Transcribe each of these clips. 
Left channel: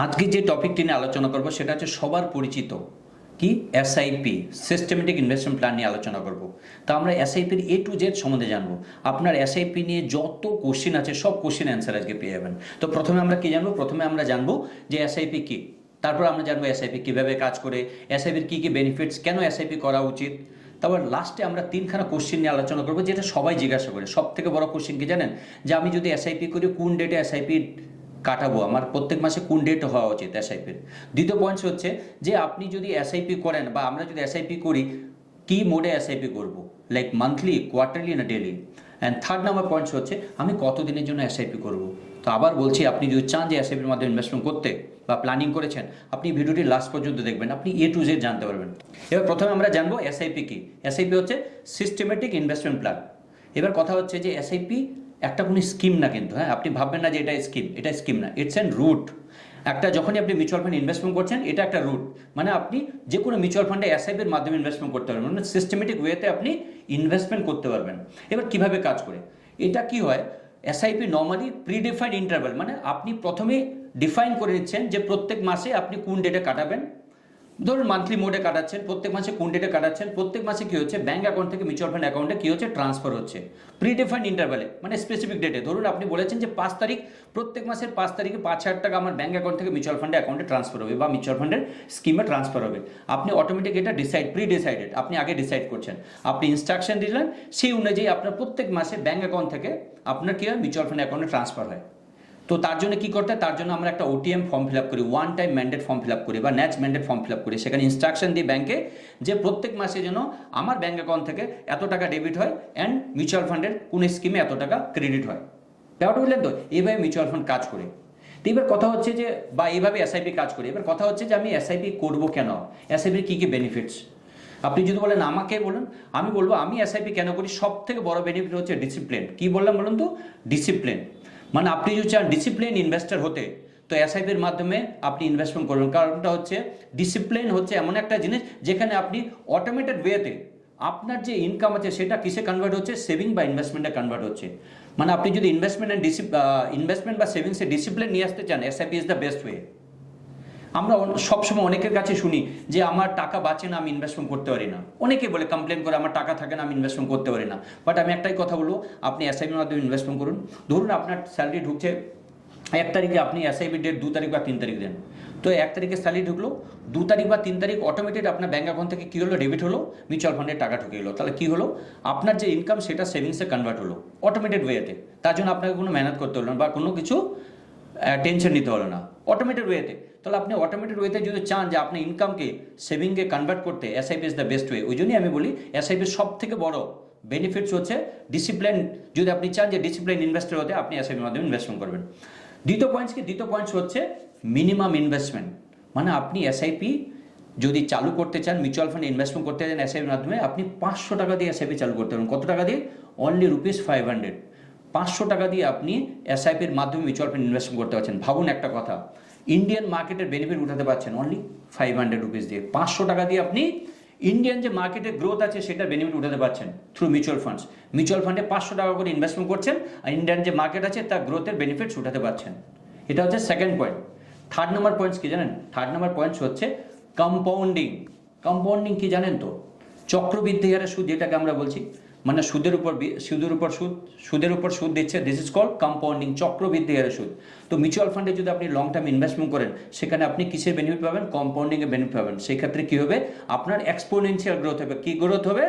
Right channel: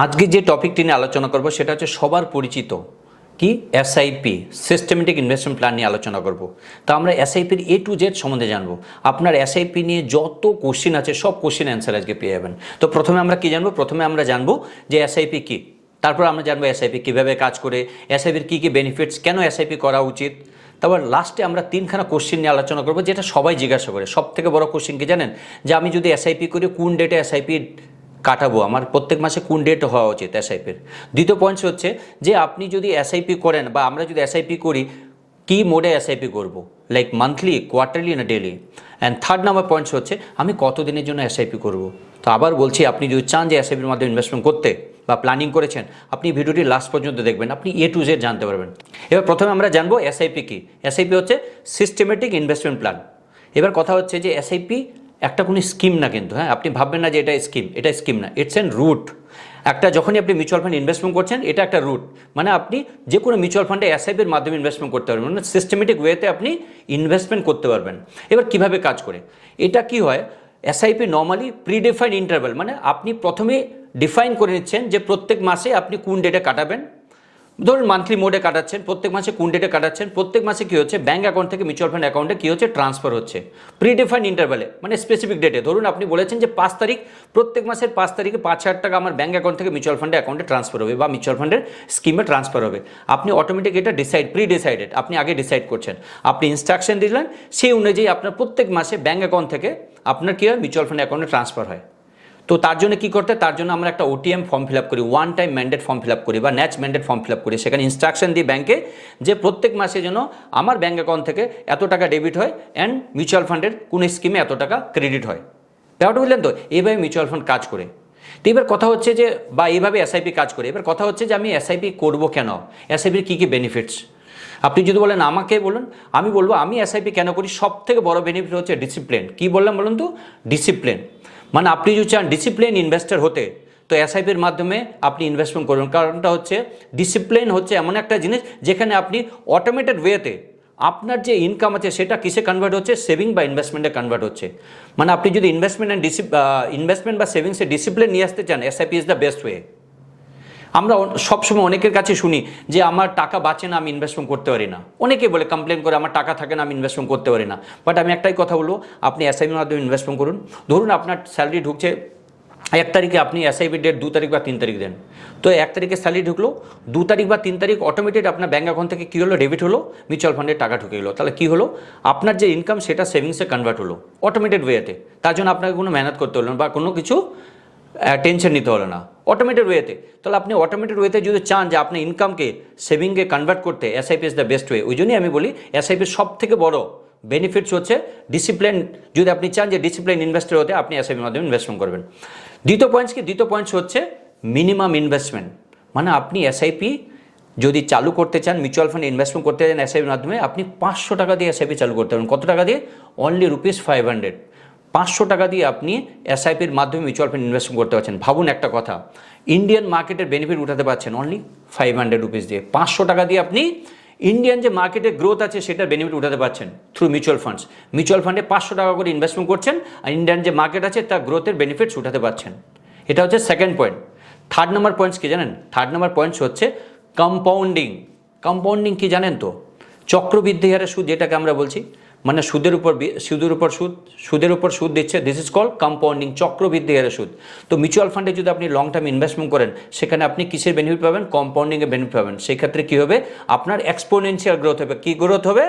আজকে যে টপিকটি নিয়ে আলোচনা করব সেটা হচ্ছে সবার পরিচিত কি এসআইপি সিস্টেমেটিক ইনভেস্টমেন্ট প্ল্যান নিয়ে আলোচনা করব। তো আমরা এসআইপির এ টু জেড সম্বন্ধে জানবো। আপনার এসআইপি নিয়ে যত কোশ্চেন আছে সব কোশ্চেন অ্যান্সার আজকে পেয়ে যাবেন। তো প্রথমে আমরা কি জানবো? প্রথমে আমরা জানবো যে এসআইপি কি, তারপর আমরা জানবো এসআইপি কীভাবে কাজ করে, এসআইপির কী কী বেনিফিটস, কেন এসআইপি করা উচিত। তারপর লাস্টে আমরা তিনখানা কোশ্চেন নিয়ে আলোচনা করবো যেটা সবাই জিজ্ঞাসা করে। সব থেকে বড় কোশ্চেন কি জানেন? যে আমি যদি এসআইপি করি কোন ডেটে এসআইপি কাটাবো, আমার প্রত্যেক মাসে কোন ডেট হওয়া উচিত এসআইপির। দ্বিতীয় পয়েন্ট হচ্ছে যে আপনি যদি এসআইপি করেন বা আমরা যদি এসআইপি করি কি মোডে এসআইপি করব, লাইক মান্থলি, কোয়ার্টারলি না daily. And third number points হচ্ছে আমি কতদিনের জন্য এসআইপি করব। তো আবার বলছি, আপনি যদি চান যে এসআইপির মাধ্যমে ইনভেস্টমেন্ট করতে বা প্ল্যানিং করেছেন, আপনি ভিডিওটি লাস্ট পর্যন্ত দেখবেন, আপনি এ টু জেড জানতে পারবেন। এবার প্রথমে আমরা জানবো এসআইপি কি। এসআইপি হচ্ছে সিস্টেমেটিক ইনভেস্টমেন্ট প্ল্যান। এবার কথা হচ্ছে যে এসআইপি একটা কোনো স্কিম না, কিন্তু হ্যাঁ আপনি ভাববেন না যে এটা স্কিম, এটা স্কিম না, ইটস এন রুট। একটা যখনই আপনি মিউচুয়াল ফান্ড ইনভেস্টমেন্ট করছেন, এটা একটা রুট, মানে আপনি যে কোনো মিউচুয়াল ফান্ডে এসআইপির মাধ্যমে ইনভেস্টমেন্ট করতে পারবেন, মানে সিস্টেমেটিক ওয়েতে আপনি ইনভেস্টমেন্ট করতে পারবেন। এবার কিভাবে কাজ করে এটা কি হয়? এসআইপি নর্মালি প্রিডিফাইন্ড ইন্টারভ্যাল, মানে আপনি প্রথমে ডিফাইন করে নিচ্ছেন যে প্রত্যেক মাসে আপনি কোন ডেটে কাটাবেন। ধরুন মান্থলি মোডে কাটাচ্ছেন, প্রত্যেক মাসে কোন ডেটে কাটাচ্ছেন, প্রত্যেক মাসে কী হচ্ছে ব্যাঙ্ক অ্যাকাউন্ট থেকে মিউচুয়াল ফান্ড অ্যাকাউন্টে কী হচ্ছে ট্রান্সফার হচ্ছে প্রিডিফাইন্ড ইন্টারভ্যালে, মানে স্পেসিফিক ডেটে। ধরুন আপনি বলেছেন যে 5 তারিখ, প্রত্যেক মাসের 5 তারিখে 5,000 টাকা আমার ব্যাঙ্ক অ্যাকাউন্ট থেকে মিউচুয়াল ফান্ডের অ্যাকাউন্টে ট্রান্সফার হবে বা মিউচুয়াল ফান্ডের স্কিমে ট্রান্সফার হবে। আপনি অটোমেটিক এটা প্রি ডিসাইডেড, আপনি আগে ডিসাইড করছেন, আপনি ইনস্ট্রাকশন দিলেন, সেই অনুযায়ী আপনার প্রত্যেক মাসে ব্যাঙ্ক অ্যাকাউন্ট থেকে আপনার কী হয় মিউচুয়াল ফান্ড অ্যাকাউন্টে ট্রান্সফার হয়। তো তার জন্য কী করতে, তার জন্য আমরা একটা ওটিএম ফর্ম ফিল আপ করি, one time mandate form fill up করি বা ন্যাচ ম্যান্ডেট ফর্ম ফিল আপ করি। সেখানে ইনস্ট্রাকশন দিই ব্যাঙ্কে যে প্রত্যেক মাসে যেন আমার ব্যাঙ্ক অ্যাকাউন্ট থেকে এত টাকা ডেবিট হয় অ্যান্ড মিউচুয়াল ফান্ডের কোন স্কিমে এত টাকা ক্রেডিট হয়। ব্যাপারটা বুঝলেন তো? এইভাবে মিউচুয়াল ফান্ড কাজ করে। তো এবার কথা হচ্ছে যে, বা এইভাবে এসআইপি কাজ করে। এবার কথা হচ্ছে যে আমি এসআইপি করবো কেন, এসআইপির কী কী বেনিফিটস। আপনি যদি বলেন আমাকে বলুন, আমি বলবো আমি এসআইপি কেন করি। সব থেকে বড় বেনিফিট হচ্ছে ডিসিপ্লিন। কী বললাম বলুন তো? ডিসিপ্লিন। মানে আপনি যদি চান ডিসিপ্লিন ইনভেস্টর হতে, তো এসআইপির মাধ্যমে আপনি ইনভেস্টমেন্ট করবেন। কারণটা হচ্ছে ডিসিপ্লিন হচ্ছে এমন একটা জিনিস যেখানে আপনি অটোমেটেড ওয়েতে আপনার যে ইনকাম আছে সেটা কিসে কনভার্ট হচ্ছে, সেভিং বা ইনভেস্টমেন্টে কনভার্ট হচ্ছে। মানে আপনি যদি ইনভেস্টমেন্ট বা সেভিংসে ডিসিপ্লিন নিয়ে আসতে চান, SIP is the best way. আমরা সবসময় অনেকের কাছে শুনি যে আমার টাকা বাঁচে না, আমি ইনভেস্টমেন্ট করতে পারি না। অনেকে বলে, কমপ্লেন করে আমার টাকা থাকে না, আমি ইনভেস্টমেন্ট করতে পারি না। বাট আমি একটাই কথা বলবো, আপনি এসআইপির মাধ্যমে ইনভেস্টমেন্ট করুন। ধরুন আপনার স্যালারি ঢুকছে 1 তারিখে, আপনি এসআইপি ডেট 2 তারিখ বা 3 তারিখ দেন। তো 1 তারিখে স্যালারি ঢুকলো, 2 তারিখ বা 3 তারিখ অটোমেটিক আপনার ব্যাঙ্ক অ্যাকাউন্ট থেকে কী হলো, ডেবিট হলো, মিউচুয়াল ফান্ডে টাকা ঢুকে গেলো। তাহলে কী হলো, আপনার যে ইনকাম সেটা সেভিংসে কনভার্ট হলো অটোমেটেড ওয়েতে। তার জন্য আপনাকে কোনো মেহনত করতে হলো না বা কোনো কিছু টেনশন নিতে হলো না, অটোমেটেড ওয়েতে। তাহলে আপনি অটোমেটেড ওয়েতে যদি চান যে আপনি ইনকামকে সেভিংয়ে কনভার্ট করতে, SIP is the best way. ওই জন্যই আমি বলি এসআইপির সব থেকে বড় বেনিফিটস হচ্ছে ডিসিপ্লিন। যদি আপনি চান যে ডিসিপ্লিন ইনভেস্টর হতে, আপনি এসআইপির মাধ্যমে ইনভেস্টমেন্ট করবেন। দ্বিতীয় পয়েন্টস হচ্ছে মিনিমাম ইনভেস্টমেন্ট। মানে আপনি এসআইপি যদি চালু করতে চান, মিউচুয়াল ফান্ড ইনভেস্টমেন্ট করতে চান এসআইপির মাধ্যমে, আপনি 500 টাকা দিয়ে এসআইপি চালু করতে পারেন। কত টাকা দিয়ে? অনলি ₹500। 500 টাকা দিয়ে আপনি এসআইপির মাধ্যমে মিউচুয়াল ফান্ড ইনভেস্টমেন্ট করতে পারছেন। ভাবুন একটা কথা, ইন্ডিয়ান মার্কেটের বেনিফিট উঠাতে পারছেন অনলি ₹500 দিয়ে। 500 টাকা দিয়ে আপনি ইন্ডিয়ান যে মার্কেটের গ্রোথ আছে সেটার বেনিফিট উঠাতে পারছেন থ্রু মিউচুয়াল ফান্ডস। মিউচুয়াল ফান্ডে 500 টাকা করে ইনভেস্টমেন্ট করছেন আর ইন্ডিয়ান যে মার্কেট আছে তার গ্রোথের বেনিফিটস উঠাতে পারছেন। এটা হচ্ছে second point. Third number points কি জানেন? থার্ড নাম্বার পয়েন্টস হচ্ছে কম্পাউন্ডিং। কম্পাউন্ডিং কি জানেন তো? চক্রবৃদ্ধি হারে সুদ, যেটাকে আমরা বলছি, মানে সুদের উপর সুদ দিচ্ছে, দিস ইজ কল কম্পাউন্ডিং, চক্রবৃদ্ধি হারে সুদ। তো মিউচুয়াল ফান্ডে যদি আপনি লং টার্ম ইনভেস্টমেন্ট করেন, সেখানে আপনি কিসের বেনিফিট পাবেন? কম্পাউন্ডিংয়ের বেনিফিট পাবেন। সেই ক্ষেত্রে কী হবে, আপনার এক্সপোনেনশিয়াল গ্রোথ হবে। কী গ্রোথ হবে?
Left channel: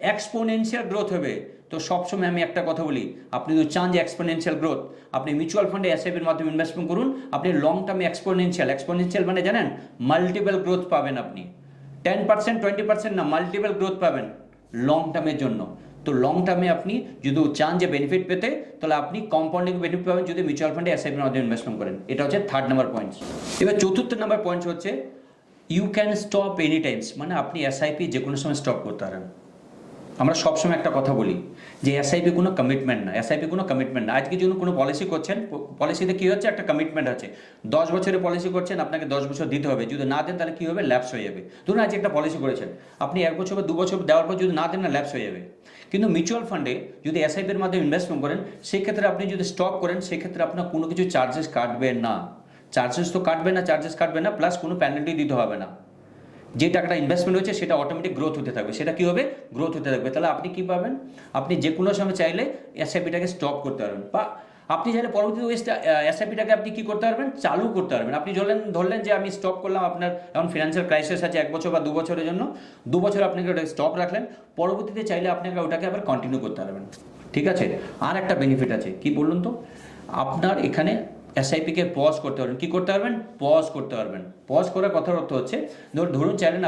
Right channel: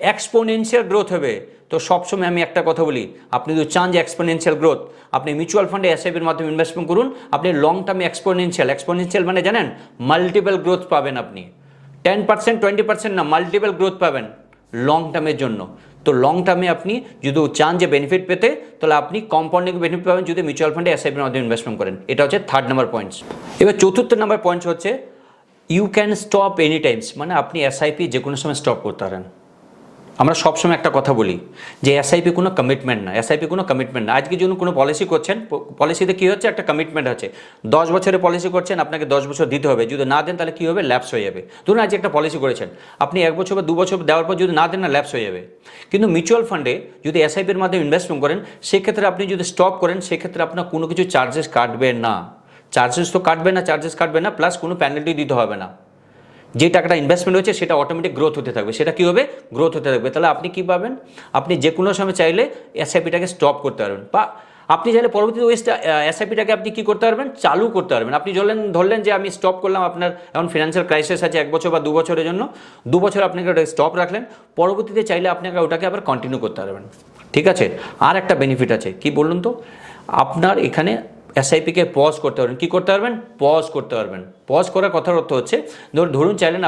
এক্সপোনেনশিয়াল গ্রোথ হবে। তো সবসময় আমি একটা কথা বলি, আপনি যদি চান যে এক্সপোনেনশিয়াল গ্রোথ, আপনি মিউচুয়াল ফান্ডে এসআইপির মাধ্যমে ইনভেস্টমেন্ট করুন। আপনি লং টার্মে এক্সপোনেনশিয়াল মানে জানেন, মাল্টিপল গ্রোথ পাবেন আপনি। 10%, 20% না, মাল্টিপল গ্রোথ পাবেন লং টার্মের জন্য। তো লং টার্মে আপনি যদি চান যে বেনিফিট পেতে, তাহলে আপনি কম্পাউন্ডিং বেনিফিট পাবেন যদি মিউচুয়াল ফান্ডে এসআইপির মাধ্যমে ইনভেস্টমেন্ট করেন। এটা হচ্ছে থার্ড নাম্বার পয়েন্টস। এবার চতুর্থ নাম্বার পয়েন্টস হচ্ছে you can stop any times, মানে আপনি এসআইপি যে কোনো সময় স্টপ করতে পারেন। আমরা সবসময় একটা কথা বলি যে এসআইপি কোনো কমিটমেন্ট না, এসআইপি কোনো কমিটমেন্ট না। আজকে যখন কোনো পলিসি করছেন, পলিসিতে কী হচ্ছে, একটা কমিটমেন্ট আছে। 10 বছরের পলিসি করছেন, আপনাকে 10 বছর দিতে হবে। যদি না দেন তাহলে কী হবে, ল্যাপস হয়ে যাবে। ধরুন আজকে একটা পলিসি করেছেন, আপনি 1 বছর বা 2 বছর দেওয়ার পর যদি না দেন না, ল্যাপস হয়ে যাবে। কিন্তু মিউচুয়াল ফান্ডে যদি এসআইপির মাধ্যমে ইনভেস্টমেন্ট করেন, সেক্ষেত্রে আপনি যদি স্টপ করেন, সেক্ষেত্রে আপনার কোনো কিছু চার্জেস কাটবে না। চার্জেস তো কাটবে না, চার্জেস কাটবে না, প্লাস কোনো পেনাল্টি দিতে হবে না। যে টাকাটা ইনভেস্টমেন্ট হয়েছে সেটা অটোমেটিক গ্রোথ হতে থাকবে। সেটা কী হবে? গ্রোথ হতে থাকবে। তাহলে আপনি কী পাবেন? আপনি যে কোনো সময় চাইলে এসআইপিটাকে স্টপ করতে পারবেন, বা আপনি চাইলে পরবর্তীতে ওই এসআইপিটাকে আপনি কী করতে পারবেন? চালু করতে পারবেন। আপনি ধরলেন যে আমি স্টপ করলাম, আপনার এখন ফিনান্সিয়াল ক্রাইসিস আছে 1 বছর বা 2 বছরের জন্য, 2 বছর আপনাকে ওটা স্টপ রাখলেন, পরবর্তীতে চাইলে আপনাকে ওটাকে আবার কন্টিনিউ করতে পারবেন। ঠিক আছে? আর একটা বেনিফিট আছে, কি বলুন তো, আপনার এখানে এসআইপিকে পজ করতে পারবেন। কী করতে পারবেন? পজ করতে পারবেন। পজ করার কথার অর্থ হচ্ছে, ধরুন চাইলেন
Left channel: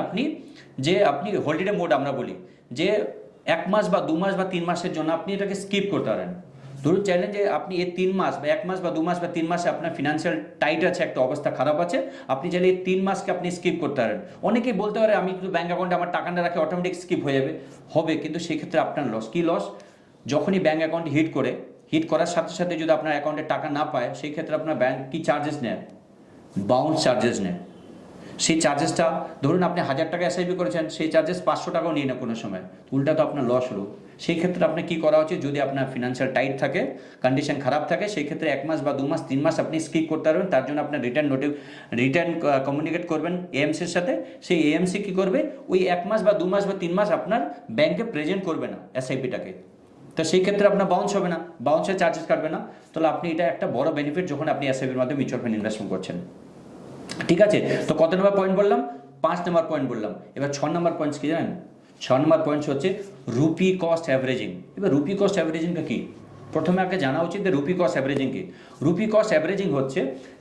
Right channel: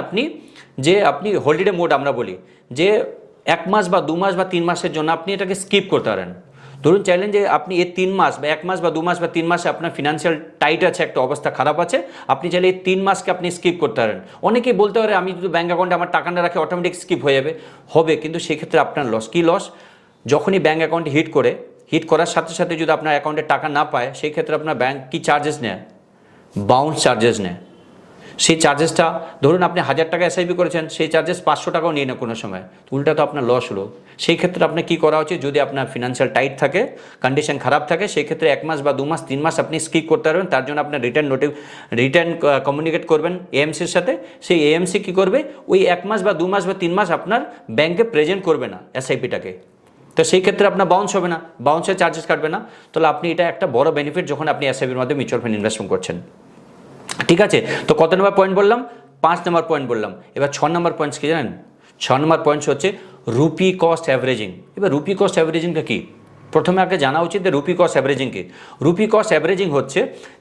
আপনি হলিডে মোড আমরা বলি, যে 1 মাস বা 2 মাস বা 3 মাসের জন্য আপনি এটাকে স্কিপ করতে পারেন। ধরুন চাইলেন যে আপনি এই 3 মাস বা 1 মাস বা 2 মাস বা 3 মাসে আপনার ফিনান্সিয়াল টাইট আছে, একটা অবস্থা খারাপ আছে, আপনি চাইলে এই 3 মাসকে আপনি স্কিপ করতে পারেন। অনেকেই বলতে পারে আমি যদি ব্যাঙ্ক অ্যাকাউন্টে আমার টাকা না রাখে অটোমেটিক স্কিপ হয়ে যাবে, হবে, কিন্তু সেক্ষেত্রে আপনার লস। কি লস? যখনই ব্যাঙ্ক অ্যাকাউন্টে হিট করার সাথে সাথে যদি আপনার অ্যাকাউন্টে টাকা না পায়, সেই ক্ষেত্রে আপনার ব্যাঙ্ক কি চার্জেস নেয়? বাউন্স চার্জেস নেয়। সেই চার্জেসটা, ধরুন আপনি 1000 টাকা এসআইপি করেছেন, সেই চার্জেস 500 টাকাও নিয়ে না কোনো সময়, উল্টা তো আপনার লস হলো। সেই ক্ষেত্রে আপনার কী করা উচিত? যদি আপনার ফিনান্সিয়াল টাইট থাকে, কন্ডিশন খারাপ থাকে, সেই ক্ষেত্রে 1 মাস বা 2 মাস 3 মাস আপনি স্কিপ করতে পারবেন। তার জন্য আপনার রিটার্ন কমিউনিকেট করবেন এএমসির সাথে। সেই এএমসি কী করবে? ওই 1 মাস বা 2 মাস বা 3 মাস আপনার ব্যাংকে প্রেজেন্ট করবে না এসআইপিটাকে। তো সেই ক্ষেত্রে আপনার বাউন্স হবে না, বাউন্সের চার্জেস কাটবে না। তাহলে আপনি এটা একটা বড় বেনিফিট যখন আপনি এসআইপির মধ্যে মিউচুয়াল ফান্ড ইনভেস্টমেন্ট করছেন। ঠিক আছে? তো কত নম্বর পয়েন্ট বললাম? 5 নম্বর পয়েন্ট বললাম। এবার 6 নম্বর পয়েন্টস কি জানেন? 6 নম্বর পয়েন্টস হচ্ছে রুপি কস্ট অ্যাভারেজিং। এবার রুপি কস্ট অ্যাভারেজিংটা কি? প্রথমে আগে জানা উচিত যে রুপি কস্ট অ্যাভারেজিং কি। রুপি কস্ট অ্যাভারেজিং হচ্ছে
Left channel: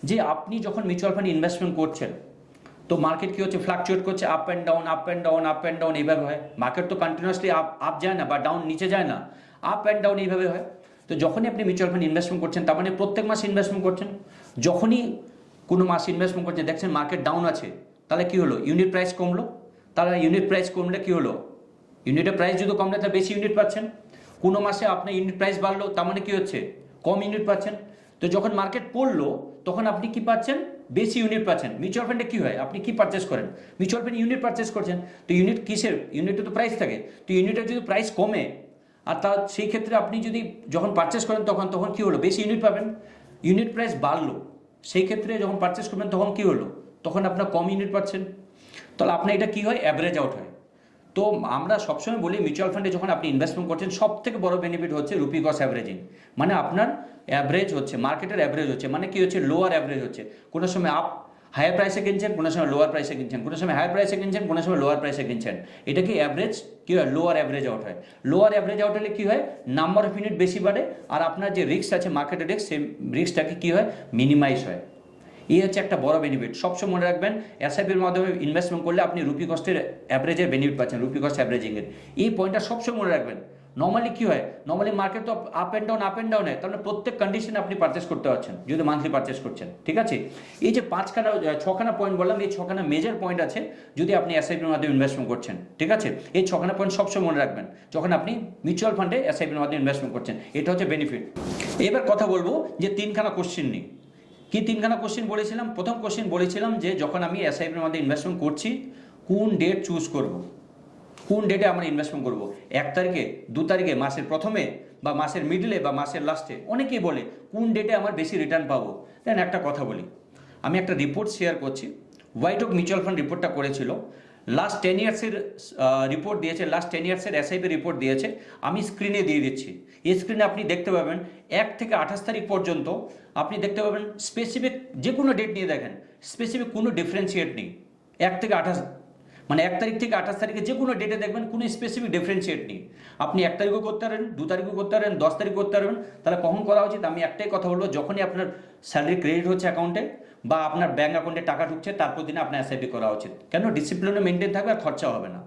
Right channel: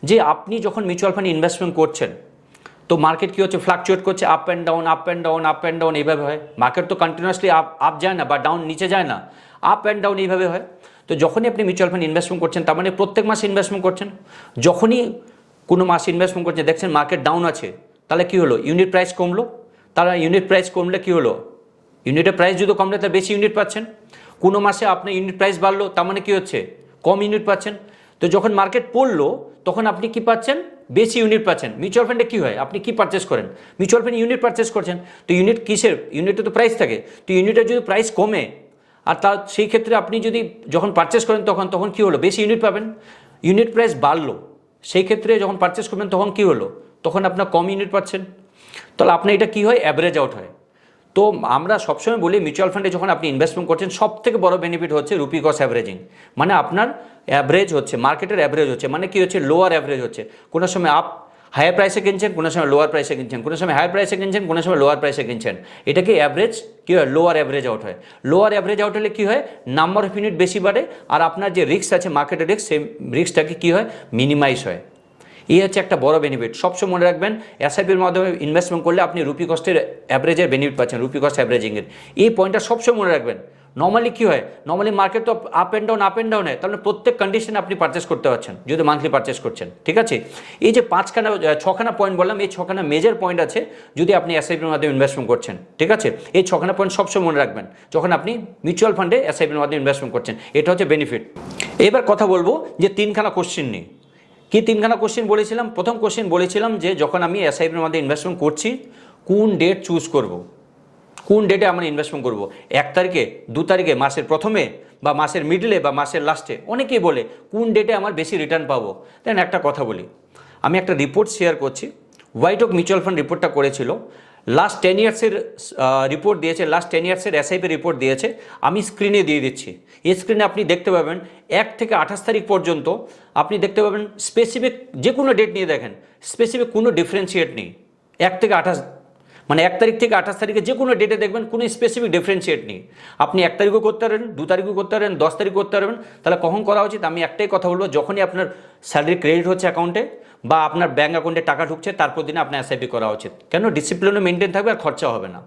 যে আপনি যখন মিউচুয়াল ফান্ড ইনভেস্টমেন্ট করছেন, তো মার্কেট কী হচ্ছে? ফ্লাকচুয়েট করছে, up and down, up and down, up and down, এইভাবে হয়। মার্কেট তো কন্টিনিউয়াসলি আপ যায় না, বা ডাউন নিচে যায় না, আপ অ্যান্ড ডাউন এইভাবে হয়। তো যখনই আপনি মিউচুয়াল ফান্ড ইনভেস্টমেন্ট করছেন, তার মানে প্রত্যেক মাসে ইনভেস্টমেন্ট করছেন। যখনই কোনো মাসে ইনভেস্টমেন্ট করছে, দেখছেন মার্কেট ডাউন আছে, তাহলে কী হলো? ইউনিট প্রাইস কমলো। তাহলে ইউনিট প্রাইস কমলে কী হলো? ইউনিটের প্রাইস যদি কমলে তাহলে বেশি ইউনিট পাচ্ছেন। কোনো মাসে আপনার ইউনিট প্রাইস বাড়লো, তার মানে কী হচ্ছে? কম ইউনিট পাচ্ছেন। তো যখন মার্কেট পড়লো, তখন আপনি কি পাচ্ছেন? বেশি ইউনিট পাচ্ছেন। মিউচুয়াল ফান্ডে কী হয়? আপনি কি পারচেস করেন? মিউচুয়াল ফান্ডে ইউনিট পারচেস করছেন। তো ইউনিট কিসের? ইউনিটে তো প্রাইস থাকে। তো ইউনিটের যদি প্রাইস কমে, আর তার সেই ক্ষেত্রে আপনি যদি যখন পারচেস করেন, তখন কী হলো? বেশি ইউনিট পাবেন। ইউনিট প্রাইস বাড়লো, সেই ক্ষেত্রে যখন পারচেস করবেন তখন কী হলো? তখন আপনার কম ইউনিট পাচ্ছেন। তাহলে আপনার এটা কী হয়? অ্যাভারেজ আউট হয়। তো আমরা সবসময় বলি মিউচুয়াল ফান্ডে যখন আপনি ইনভেস্টমেন্ট করছেন, সব থেকে বড় বেনিফিট হচ্ছে রুপি কস্ট অ্যাভারেজিং। মানে আপনার অ্যাভারেজ হচ্ছে, মার্কেটের অ্যাভারেজ হচ্ছে, মানে কি হচ্ছে? লোয়ার অ্যাভারেজ হচ্ছে। কোনো সময় হায়ার প্রাইসে কিনছেন, কোনো সময় লোয়ার প্রাইসে কিনছেন, কোনো সময় হায়ার প্রাইসে কিনছেন, কোনো সময় লোয়ার প্রাইসে কিনছেন। এটাকে অ্যাভারেজ কী হয়? লোয়ার অ্যাভারেজ আউট হয়। লোয়ার অ্যাভারেজ আউট হলে কী হয়? নাম্বার অফ ইউনিট বেশি বাড়ে, আর আপনার যে রিস্ক আছে, মার্কেটের রিস্ক, সেই রিস্কটাকে কী হয়? মিনিমাইজ হয়। এই হচ্ছে একটা বড় বেনিফিট। সবসময় মনে রাখবেন, এসআইপির মাধ্যমে ইনভেস্টমেন্ট করলে আপনি রুপি কস্টের অ্যাভারেজের বেনিফিট পাচ্ছেন, রুপি কস্ট অ্যাভারেজিংয়ের। এই পয়েন্টটা সবসময় মনে রাখবেন। নর্মালি কী হয়? নর্মালি মার্কেট তো আপ অ্যান্ড ডাউন হয়, তাহলে প্রত্যেক কন্ডিশনে আপনি পারচেস করতে পারছেন যদি মান্থলি পারচেস করছেন। ঠিক আছে? এই যে 6খানা পয়েন্ট বললাম, এই 6খানা মেজর পয়েন্ট আছে যদি আপনি এসআইপির মাধ্যমে ইনভেস্টমেন্ট করছেন। ঠিক আছে? এই 6খানা পয়েন্ট সবসময় মনে রাখবেন যখন আপনি মিউচুয়াল ফান্ডে এসআইপির মাধ্যমে ইনভেস্টমেন্ট করছেন। এটা হচ্ছে বেনিফিট। এবার কথা বলবো যে 3খানা কোশ্চেন নিয়ে। কি 3খানা কোশ্চেন বলেছিলাম? প্রথম কোশ্চেন বলেছিলাম যে যখন আমি এসআইপির মধ্যে ইনভেস্টমেন্ট করছি, কোন ডেট চুজ করব, কোন ডেটে আমরা ইনভেস্টমেন্ট করব? 1 তারিখে, 2 তারিখে, মাসের প্রথমে, বা মাসের মিডলে, বা মাসের লাস্টে? অনেকেই বলে কোন ডেটে আমার বেশি রিটার্ন পাবো। দেন একটা কথা বলি, আমি একটা রিপোর্ট শেয়ার করছি। হোয়াইট ওক মিউচুয়াল ফান্ড রিপোর্টটা করেছিল, লাস্ট 10 ইয়ার্সের রিপোর্ট দিয়েছে, লাস্ট 10 ইয়ার্সের এসআইপি রিপোর্ট দিয়েছে। আমি স্ক্রিনে দিয়ে দিচ্ছি। এই স্ক্রিনে আপনি দেখতে পাবেন 1 থেকে 28 তারিখ পর্যন্ত আপনি দেখতে পাবেন স্পেসিফিক যে কোনো ডেট নিয়ে দেখেন, স্পেসিফিক কোনো ডিফারেন্সিয়েট নেই। 1 থেকে 28, মানে 1 তারিখ থেকে 28 তারিখে যে কোনো ডেটে দেখবেন কোনো স্পেসিফিক ডিফারেন্সিয়েট নেই। আপনি 1 তারিখও করতে পারবেন, 2 তারিখও করতে পারবেন, 10 তারিখ করতে পারবেন। তাহলে কখন করা উচিত? আমি একটাই কথা বলবো, যখনই আপনার স্যালারি ক্রেডিট হচ্ছে অ্যাকাউন্টে, বা আপনার ব্যাঙ্ক অ্যাকাউন্টে টাকা ঢুকছে, তারপর দিনে আপনার এসআইপি করা উচিত। কেন? ডিসিপ্লিনও মেনটেন থাকবে আর খরচা হবে না।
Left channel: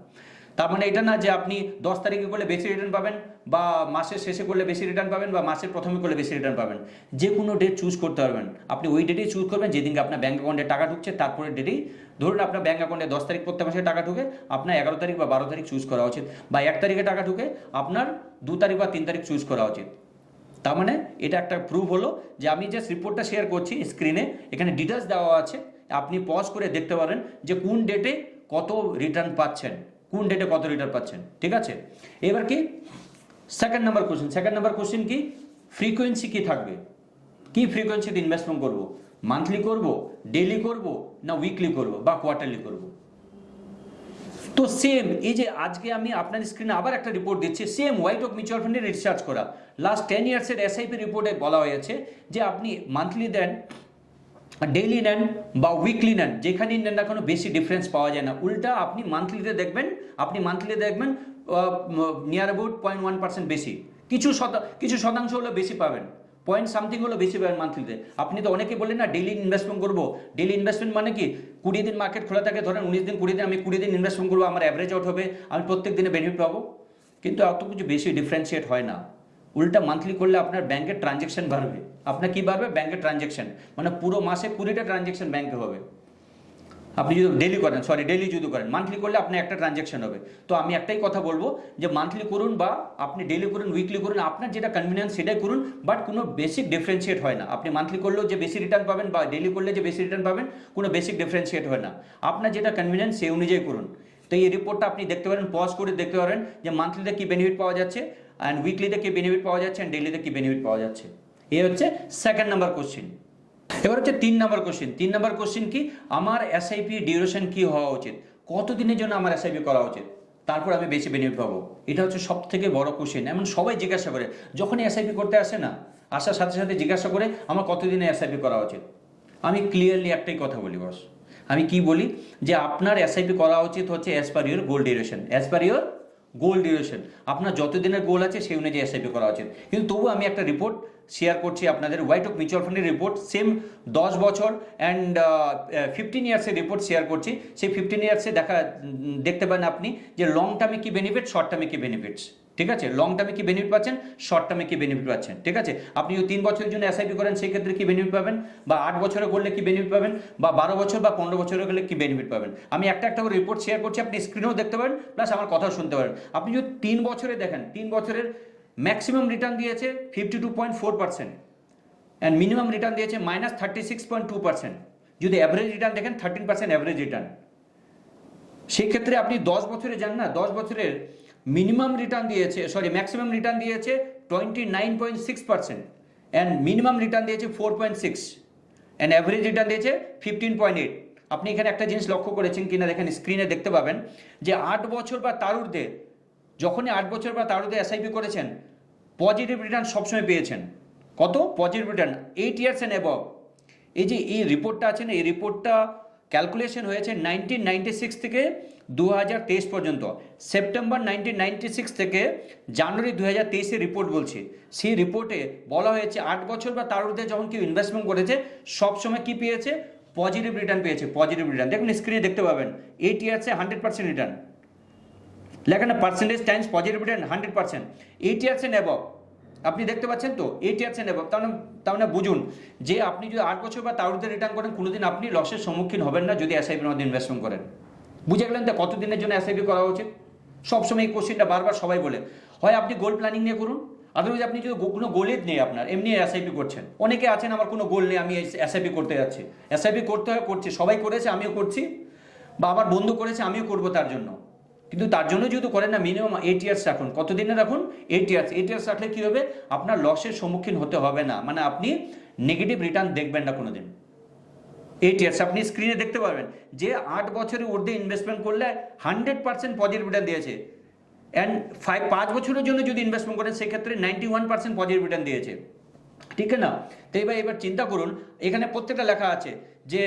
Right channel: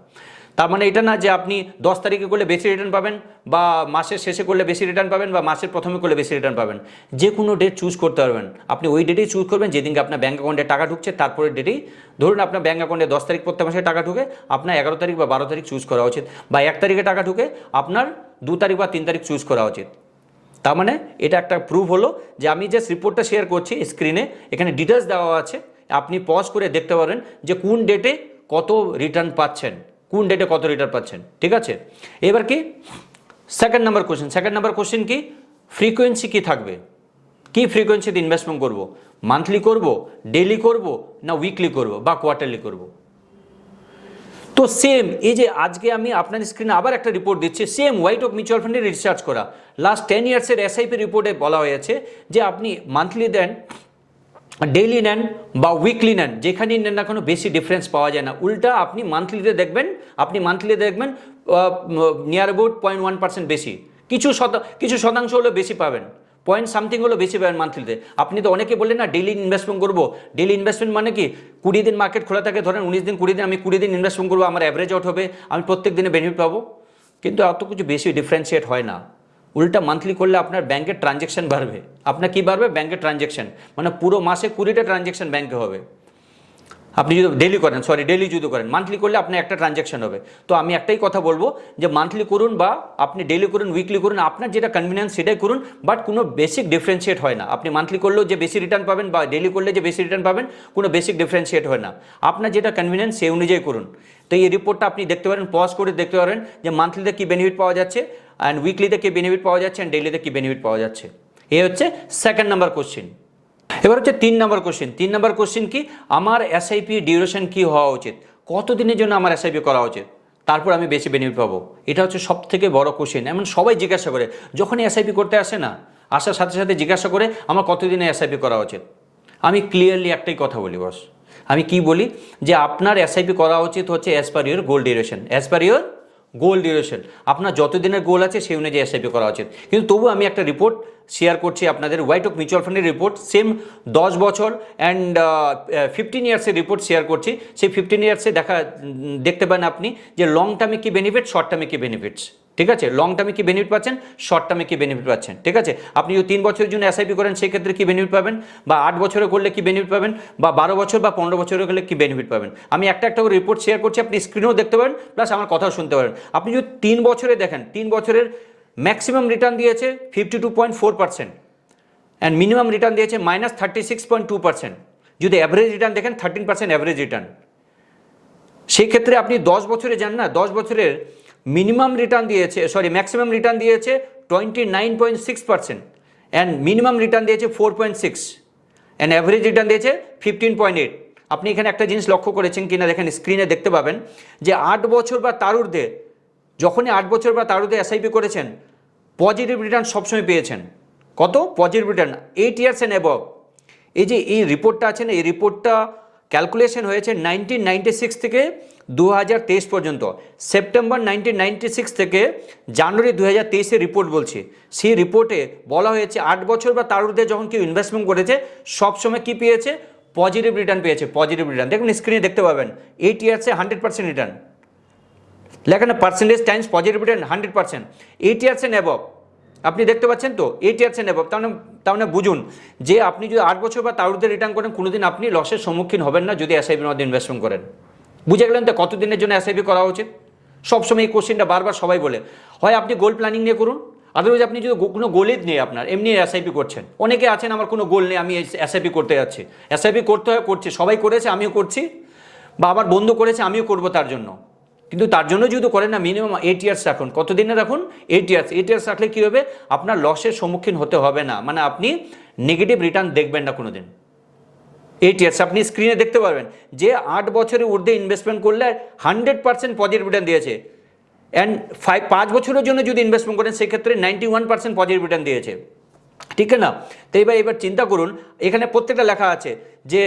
তার মানে এটা না যে আপনি 10 তারিখে করলে বেশি রিটার্ন পাবেন, বা মাসের শেষে করলে বেশি রিটার্ন পাবেন, বা মাসের প্রথমে করলে বেশি রিটার্ন পাবেন। যে কোনো ডেট চুজ করতে পারবেন। আপনি ওই ডেটেই চুজ করবেন যেদিনকে আপনার ব্যাঙ্ক অ্যাকাউন্টে টাকা ঢুকছে, তারপরে ডেটেই, ধরুন আপনার ব্যাঙ্ক অ্যাকাউন্টে 10 তারিখ প্রত্যেক মাসে টাকা ঢুকে, আপনার 11 তারিখ বা 12 তারিখ চুজ করা উচিত, বা 1 তারিখে টাকা ঢুকে আপনার 2 তারিখ বা 3 তারিখ চুজ করা উচিত। তার মানে এটা একটা প্রুফ হলো যে আমি যে রিপোর্টটা শেয়ার করছি স্ক্রিনে, এখানে ডিটেলস দেওয়া আছে, আপনি পজ করে দেখতে পারেন যে কোন ডেটে কত রিটার্ন পাচ্ছেন, কোন ডেটে কত রিটার্ন পাচ্ছেন। ঠিক আছে? এবার কি সেকেন্ড নাম্বার কোশ্চেন কি? ফ্রিকোয়েন্সি কি থাকবে, কি ফ্রিকোয়েন্সিতে ইনভেস্টমেন্ট করব? মান্থলি করব, ডেইলি করব, না উইকলি করব বা কোয়ার্টারলি করব। তো সেম এই যে আজকে আমি আপনার স্ক্রিনে আবার একটা রিপোর্ট দিচ্ছি, সেম হোয়াইট ওক মিউচুয়াল ফান্ডে রিসার্চ করা লাস্ট 10 ইয়ার্সের এসআইপি রিপোর্টে বলা হয়েছে যে আপনি মান্থলি দেন, ডেইলি নেন বা উইকলি নেন, যেখানেই নেন না কোনো বেশি ডিফারেন্স পাওয়া যায় না। উল্টা আপনি মান্থলিতে দেখবেন নিয়ার অ্যাবাউট 0.1% বেশি, কিছু শতাংশ হলো বেশি পাবেন, পয়েন্ট সামথিং হলো বেশি পাবেন মান্থলিতে। আপনি তো অনেকে বললেন না ডেইলি ইনভেস্টমেন্ট করবো, ডেইলি ইনভেস্টমেন্ট মানে কি 20 দিন মার্কেট খোলা থাকে, ধরেন 19 দিন 20 দিন, আমি 20 দিন ইনভেস্টমেন্ট করবো, আমার অ্যাভারেজ আউট হবে, আমি প্রত্যেক দিনে বেনিফিট পাবো। কিন্তু এত কিছু বেশি ডিফারেন্সিয়েট হয় না। উল্টা মান্থলি করলে আপনার ব্যাংকের ট্রানজ্যাকশন বাড়বে। আপনার কি বাড়বে? ব্যাংকের ট্রানজ্যাকশন, মানে পুরো মাসে 20টা ট্রানজ্যাকশন ব্যাংকে হবে। আপনি যদি ডেইলি যদি করেন, মান্থলি করলে আপনার একটা ট্রানজ্যাকশন হবে। তো আমি একটাই কথা বলবো যে মান্থলি করুন বা আপনি ডেইলি করুন, উইকলি করুন, আপনার যেটা কনভিনিয়েন্স সেটাই করুন, বাট কোনো বেসিক ডিফারেন্সিয়েট হয় না। আপনি মান্থলি করলেও যে বেশি রিটার্ন পাবেন বা ডেইলি করলে যে বেশি রিটার্ন পাবেন, কোনো বেসিক ডিফারেন্সিয়েট হয় না। আপনার যেটা কনভিনিয়েন্স সেই অনুযায়ী করুন। তো এই রিপোর্টটা আপনি দেখতে পারেন, পজ করে দেখতে পারেন যে মান্থলিতে কী বেনিফিট পাওয়া যাচ্ছে, অ্যান্ড উইকলিতে কী বেনিফিট পাওয়া যাচ্ছে, অ্যান্ড ডেইলিতে কী বেনিফিট পাওয়া যাচ্ছে। এই হচ্ছে সেকেন্ড নাম্বার কোশ্চেন। এবার হচ্ছে 3 নম্বর কোশ্চেন। 3 নম্বর কোশ্চেন কি, আমার এসআইপি ডিউরেশন কি হওয়া উচিত, কতদিনের জন্য আমার এসআইপি করা উচিত, তারপর আমি বেশি বেনিফিট পাবো। এটা হচ্ছে সব থেকে বড় কোশ্চেন। এমন সবাই জিজ্ঞাসা করে, যখনই এসআইপি করতে আসে না, আসার সাথে সাথে জিজ্ঞাসা করে আমার কতদিনে এসআইপি করা উচিত। আমি ক্লিয়ারলি একটাই কথা বলি বস, আমি কি বলি যে আপনার এসআইপি করা উচিত হচ্ছে as per your goal duration, আপনার যত দিনের গোল আছে সেই অনুযায়ী এসআইপি করা উচিত। কিন্তু তবু আমি একটা রিপোর্ট শেয়ার করছি আপনাদের, হোয়াইট ওক মিউচুয়াল ফান্ডের রিপোর্ট, সেম 10 বছর অ্যান্ড 15 ইয়ার্সের রিপোর্ট শেয়ার করছি। সেই 15 ইয়ার্সে দেখতে পান আপনি যে লং টার্মে কী বেনিফিট, শর্ট টার্মে কী বেনিফিটস। ঠিক আছে, লং টার্মে কী বেনিফিট পাচ্ছেন, শর্ট টার্মে কী বেনিফিট পাচ্ছেন। ঠিক আছে, আপনি যদি 3 বছরের জন্য এসআইপি করেন সেক্ষেত্রে কী বেনিফিট পাবেন, বা 8 বছরে করলে কী বেনিফিট পাবেন, বা 12 বছর বা 15 বছরে করলে কী বেনিফিট পাবেন। আমি একটা করে রিপোর্ট শেয়ার করছি, আপনি স্ক্রিনেও দেখতে পারেন, প্লাস আমার কথাও শুনতে পারেন। আপনি যদি 3 বছরে দেখেন, 3 বছরের ম্যাক্সিমাম রিটার্ন দিয়েছে 52.4%, অ্যান্ড মিনিমাম রিটার্ন দিয়েছে -36.2%। যদি অ্যাভারেজ রিটার্ন দেখেন 13% অ্যাভারেজ রিটার্ন। সেই ক্ষেত্রে আপনি 10 বছরে যান না, 10 বছরের ম্যাক্সিমাম রিটার্ন দিয়েছে 29.6%, অ্যান্ড মিনিমাম রিটার্ন দিয়েছে 4.6, অ্যান্ড অ্যাভারেজ রিটার্ন দিয়েছে 15.8। আপনি এখানে একটা জিনিস লক্ষ্য করেছেন কিনা দেখেন, স্ক্রিনে দেখতে পাবেন যে 8 বছর বা তার ঊর্ধ্বে, যখনই 8 বছর বা তার ঊর্ধ্বে এসআইপি করেছেন, পজিটিভ রিটার্ন সবসময় পেয়েছেন। কত positive return? 8 years and above. এই যে এই রিপোর্টটা আছে না, এই রিপোর্টটা ক্যালকুলেশন হয়েছে 1996 থেকে 2023 পর্যন্ত। সেপ্টেম্বর 1996 থেকে জানুয়ারি 2023-এর রিপোর্ট বলছি। সেই রিপোর্টে বলা হয়েছে 8 বছর বা তার ঊর্ধ্বে যখন কেউ ইনভেস্টমেন্ট করেছে সবসময় কী পেয়েছে, পজিটিভ রিটার্ন পেয়েছে। পজিটিভ রিটার্ন দেখুন স্ক্রিনে দেখতে পাবেন, 8 ইয়ার্সে 100% রিটার্ন লেখানে, percentage times positive return 100%, 8 years and above. আপনি দেখতে পাচ্ছেন তো 8 ইয়ার্স অ্যান্ড অ্যাবভ। তার মানে বুঝুন যে আপনি যদি 8 বছর বা তার ঊর্ধ্বে রিটার্ন করেন, কোনোদিন আপনি লসের সম্মুখীন হবেন না যদি এসআইপির মধ্যে ইনভেস্টমেন্ট করেন। বুঝে গেলেন তো কতদিনের জন্য এসআইপি করা উচিত? সবসময় এই কোশ্চেনটা বারবার সবাই বলে। হয় আপনি গোল প্ল্যানিং নিয়ে করুন, আদারওয়াইজ আপনি যদি কোনো গোলই নেই আপনার, এমনি এসআইপি করছেন। অনেকে আছেন আমার কোনো গোল নেই, আমি এসআইপি করতে যাচ্ছি। এসআইপি করতে হয়, করছি, সবাই করেছে আমিও করছি, বা আবার বন্ধু করেছে আমিও করবো তার জন্য। কিন্তু তার জন্য যেহেতু করেন না, মিনিমাম 8 ইয়ার্স রাখুন। কতদিনে রাখুন? 8 ইয়ার্স। 8 ইয়ার্স রাখলে কী হবে, আপনার লসের সম্মুখীন হতে হবে না, মানে আপনি নেগেটিভ রিটার্ন দেখবেন না কোনোদিন। 8 ইয়ার্স আপনি স্ক্রিনে দেখতে পারবেন যে 8 বছরের ঊর্ধ্বে ইনভেস্টমেন্ট করলে 100% পজিটিভ রিটার্ন দিয়েছে, অ্যান্ড 5 বছরের জন্য যদি ইনভেস্টমেন্ট করেন সেক্ষেত্রে 91% পজিটিভ রিটার্ন দিয়েছে। ঠিক না? তো এবার চিন্তা করুন, এখানে প্রত্যেকটা লেখা আছে যে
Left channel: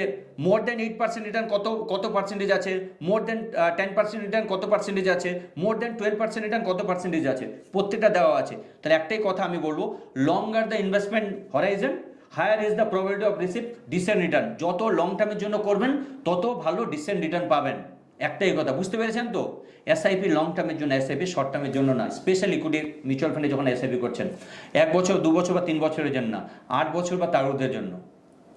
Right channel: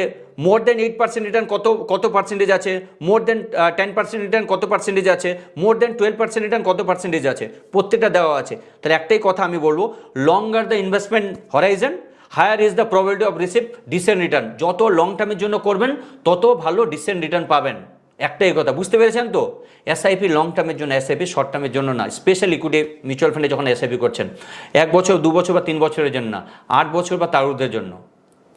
মোর দেন 8% রিটার্ন কত পার্সেন্টেজ আছে, মোর দেন 10% রিটার্ন কত পার্সেন্টেজ আছে, মোর দেন 12% রিটার্ন কত পার্সেন্টেজ আছে, প্রত্যেকটা দেওয়া আছে। তাহলে একটাই কথা আমি বলবো, longer the investment horizon, higher is the probability of receive decent return. যত লং টার্মের জন্য করবেন তত ভালো ডিসেন্ট রিটার্ন পাবেন। একটাই কথা, বুঝতে পেরেছেন তো? এসআইপি লং টার্মের জন্য, এসআইপি শর্ট টার্মের জন্য না। স্পেশাল ইকুইটি মিউচুয়াল ফান্ডে যখন এসআইপি করছেন 1 বছর 2 বছর বা 3 বছরের জন্য না, 8 বছর বা তার ঊর্ধ্বের জন্য।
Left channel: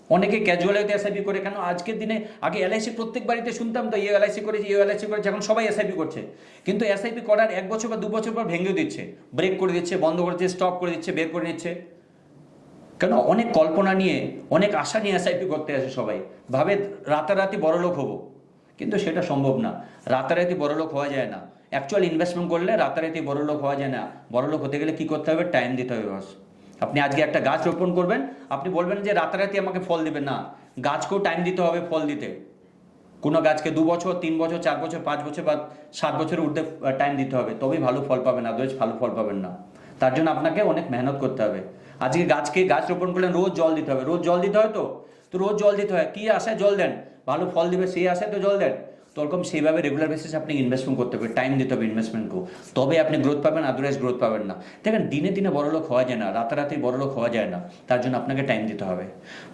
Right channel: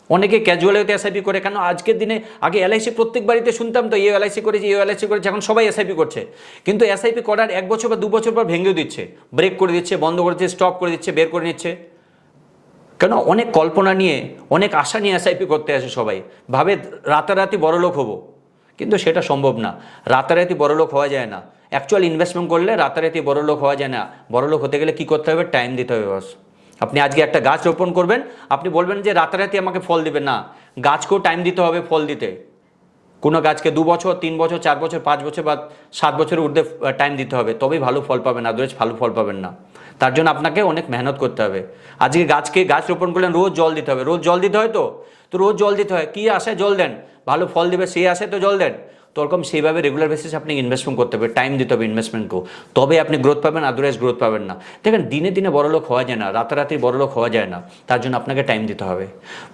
অনেকে ক্যাজুয়াল ওয়েতে এসআইপি করে, কেন? আজকের দিনে আগে এলআইসি প্রত্যেক বাড়িতে শুনতাম তো, এলআইসি করেছে, এলআইসি করেছে, এখন সবাই এসআইপি করছে। কিন্তু এসআইপি করার 1 বছর বা 2 বছর পর ভেঙেও দিচ্ছে, ব্রেক করে দিচ্ছে, বন্ধ করে দিচ্ছে, স্টপ করে দিচ্ছে, বের করে নিচ্ছে। কেন? অনেক কল্পনা নিয়ে, অনেক আশা নিয়ে এসআইপি করতে আসে সবাই, ভাবে রাতারাতি বড়লোক হবো, কিন্তু সেটা সম্ভব না। রাতারাতি বড়লোক হওয়া যায় না। অ্যাকচুয়াল ইনভেস্টমেন্ট করলে রাতারাতি বড়লোক হওয়া যায় না। বড়লোক হতে গেলে কী করতে হবে? টাইম দিতে হবে বস। আপনি আজকে একটা গাছ রোপণ করবেন, আপনি বলবেন যে রাতারাতি আমাকে ফল দেবে না, গাছকেও টাইম দিতে হবে ফল দিতে। কোনো গাছকে 2 বছর, 3 বছর, 4 বছর, 5 বছর বা 7 বছরের ঊর্ধ্বে টাইম দিতে হবে, তবেই ভালো ফল পাবেন, আদারওয়াইজ ভালো ফল পাবেন না। তার জন্য আপনাকে অনেক মেহনত করতে হবে। আজকে গাছ রোপণ করলেন, রোজ জল দিতে হবে, রোজ জল দিতে হয়, তো রোজ জল দিতে হয়, কী আশায় জল দেন? ভালো ফল দেবে সেই আশায় তো জল দেন। তো ওরকম সেইভাবে রেগুলার বেসিসে আপনি ইনভেস্টমেন্ট করতে হবে, টাইম দিতে হবে ইনভেস্টমেন্টকেও, তবে আপনি গ্রোথ পাবেন, আদারওয়াইজ গ্রোথ পাবেন না। দেখেন দিনে দিনে বড়লোক হওয়া যায় না, রাতারাতি বড়লোক হওয়া যায় না, তার জন্য আপনাকে টাইম দিতে হবে।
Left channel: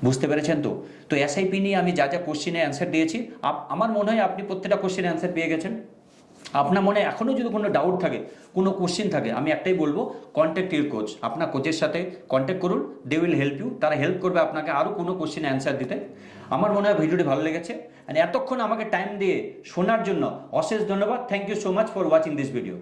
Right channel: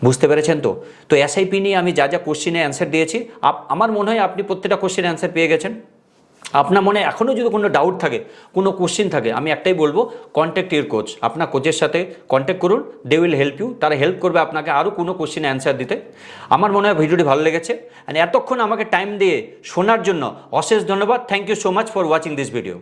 বুঝতে পেরেছেন তো? তো এসআইপি নিয়ে আমি যা যা কোশ্চেনে অ্যান্সার দিয়েছি, আমার মনে হয় আপনি প্রত্যেকটা কোশ্চেনে অ্যান্সার পেয়ে গেছেন। আপনার মনে এখনও যদি কোনো ডাউট থাকে, কোনো কোশ্চেন থাকে, আমি একটাই বলবো, কন্ট্যাক্ট ইউর কোচ। আপনার কোচের সাথে কন্ট্যাক্ট করুন, দে উইল হেল্প ইউ। তারা হেল্প করবে আপনাকে আরও কোনো কোশ্চেন অ্যান্সার দিতে। আমার মনে হয় ভিডিওটি ভালো লেগেছে, এতক্ষণ আমাকে টাইম দিয়ে শোনার জন্য অশেষ ধন্যবাদ। Thank you so much for watching this video.